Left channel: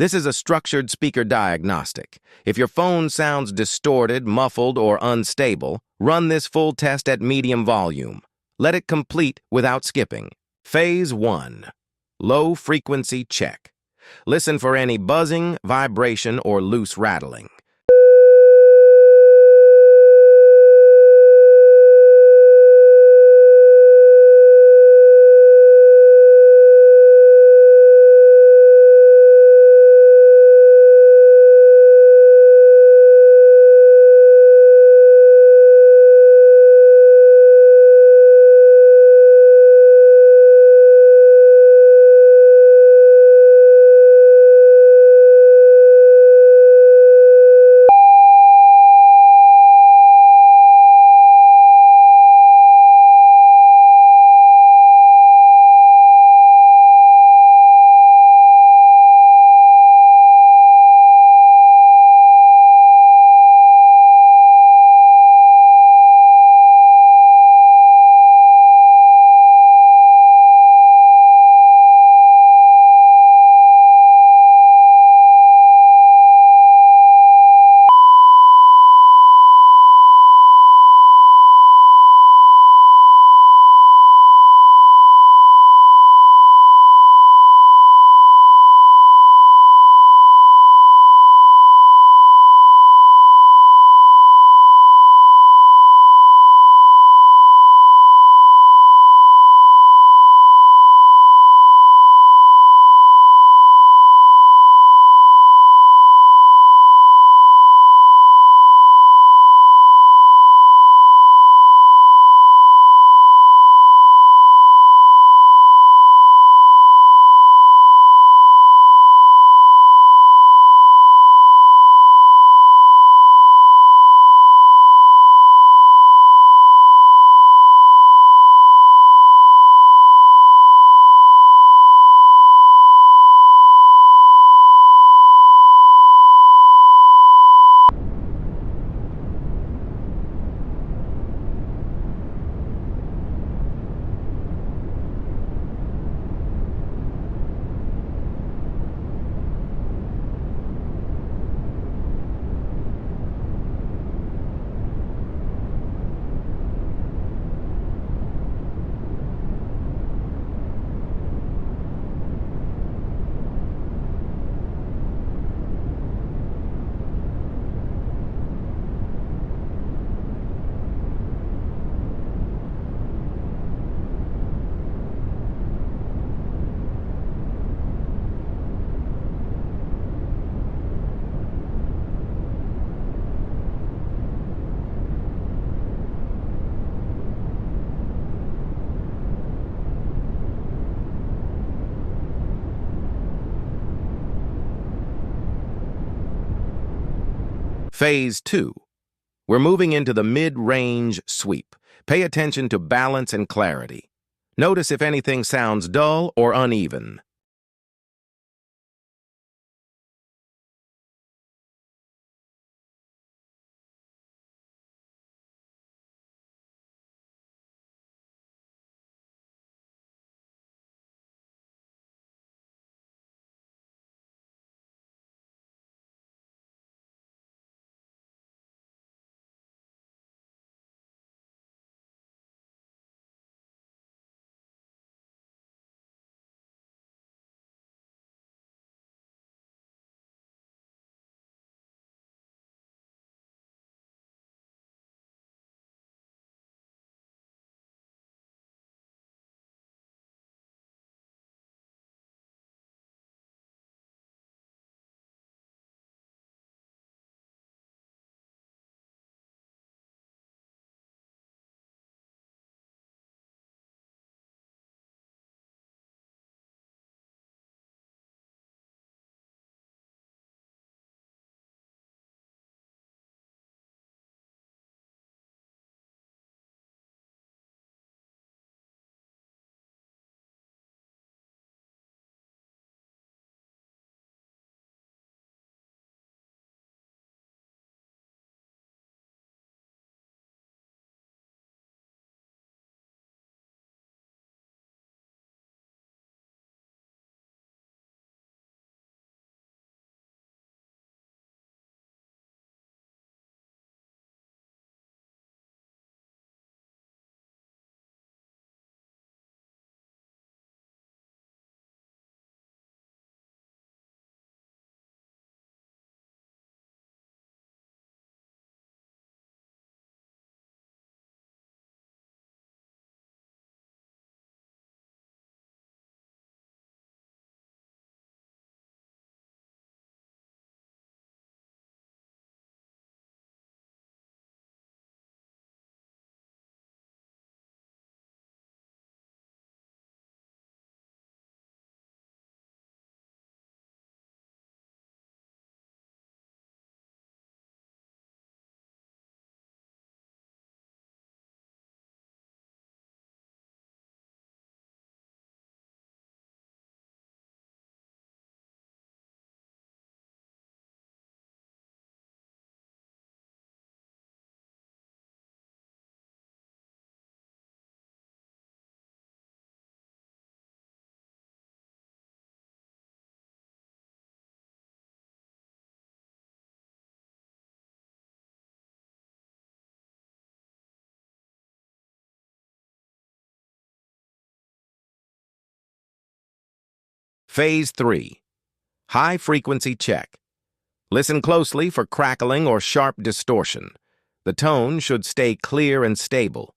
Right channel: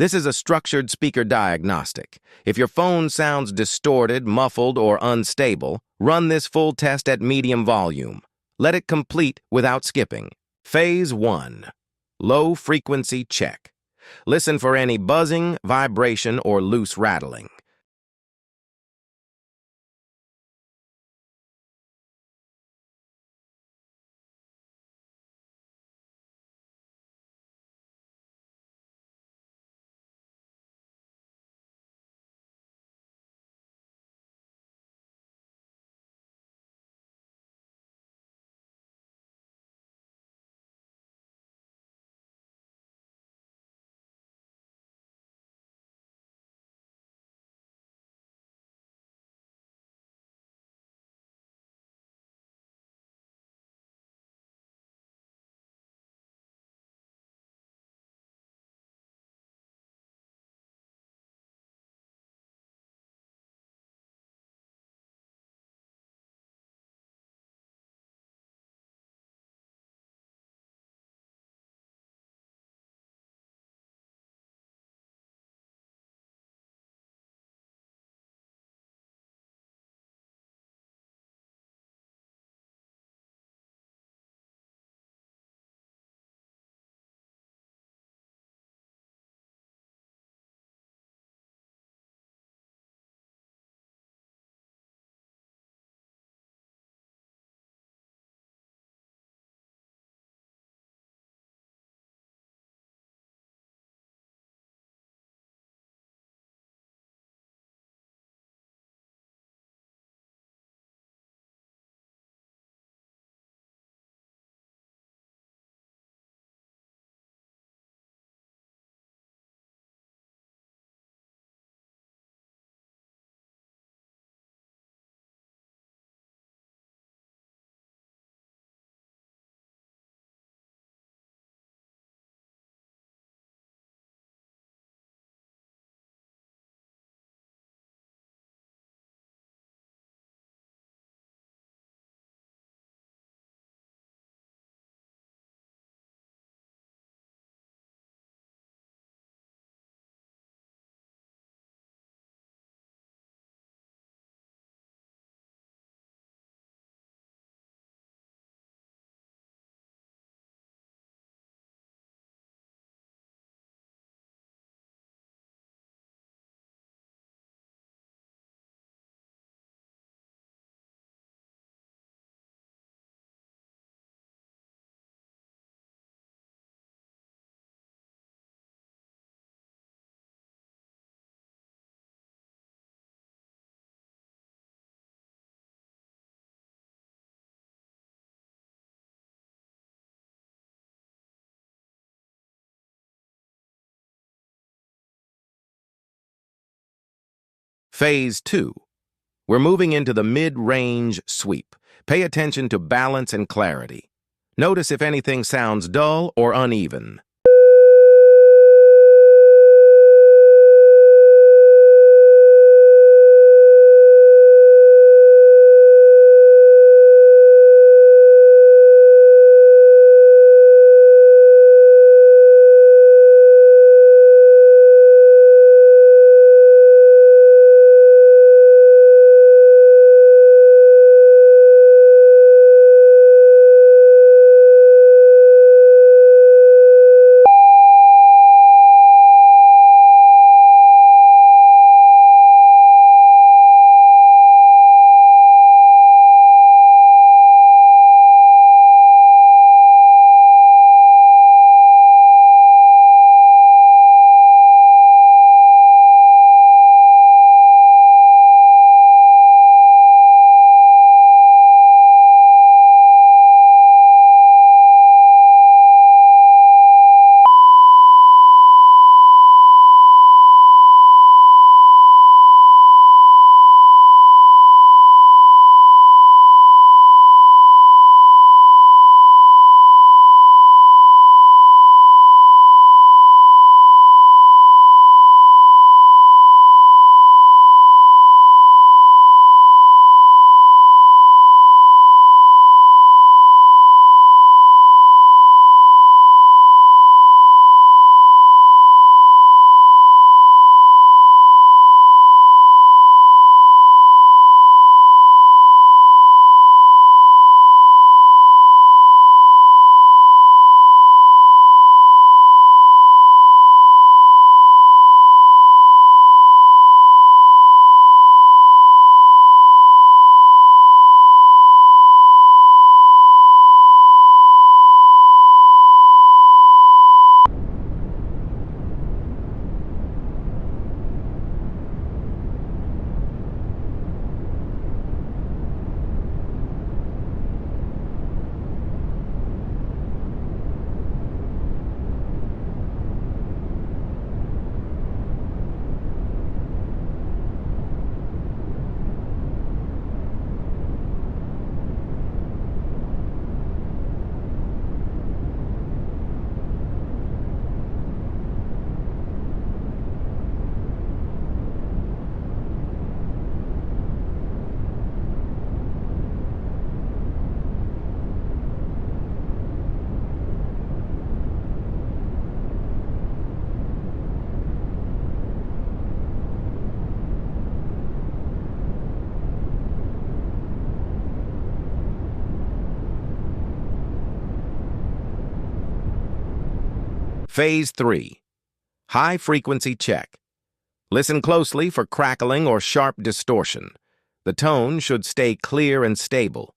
This is a structured speaker diagnostic. If your phone sounds distorted, muffled, or unstable, run this full test at medium volume. Let it complete without skipping. Phase 1. Low frequency check. Listen for any buzzing, vibration, or loose rattling. Phase 2. We're moving into the mid-range sweep. Pay attention to balance and clarity. Notice if anything sounds dull or uneven. Phase 3. High-frequency check. Listen closely for crackling or sharp distortion. The tone should stay clear and stable.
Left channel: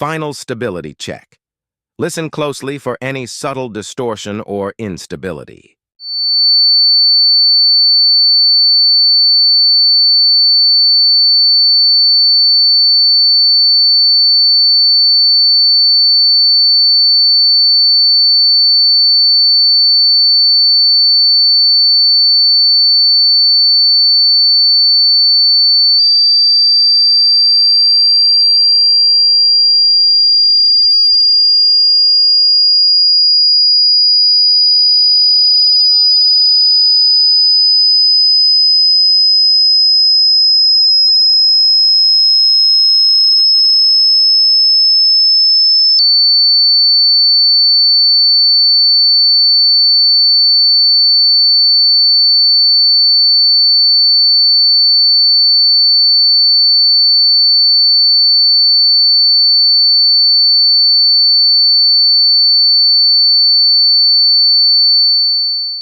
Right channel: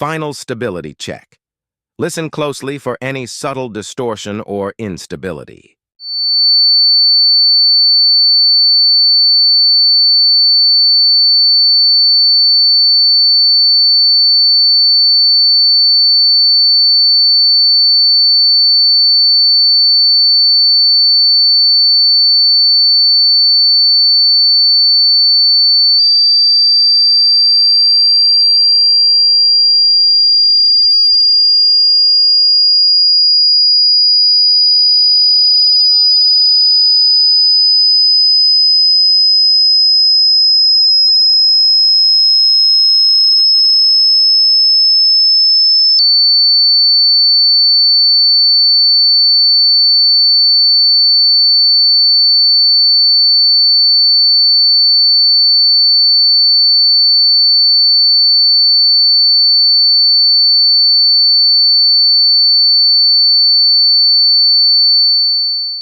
Final stability check. Listen closely for any subtle distortion or instability.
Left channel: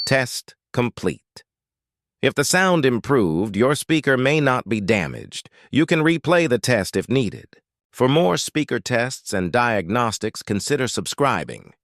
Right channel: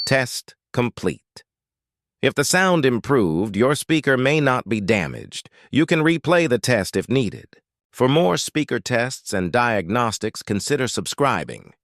Test complete. If the sound improved, your speaker may not be damaged. You can replay the test if needed. For more speaker tests and diagnostics, consider subscribing.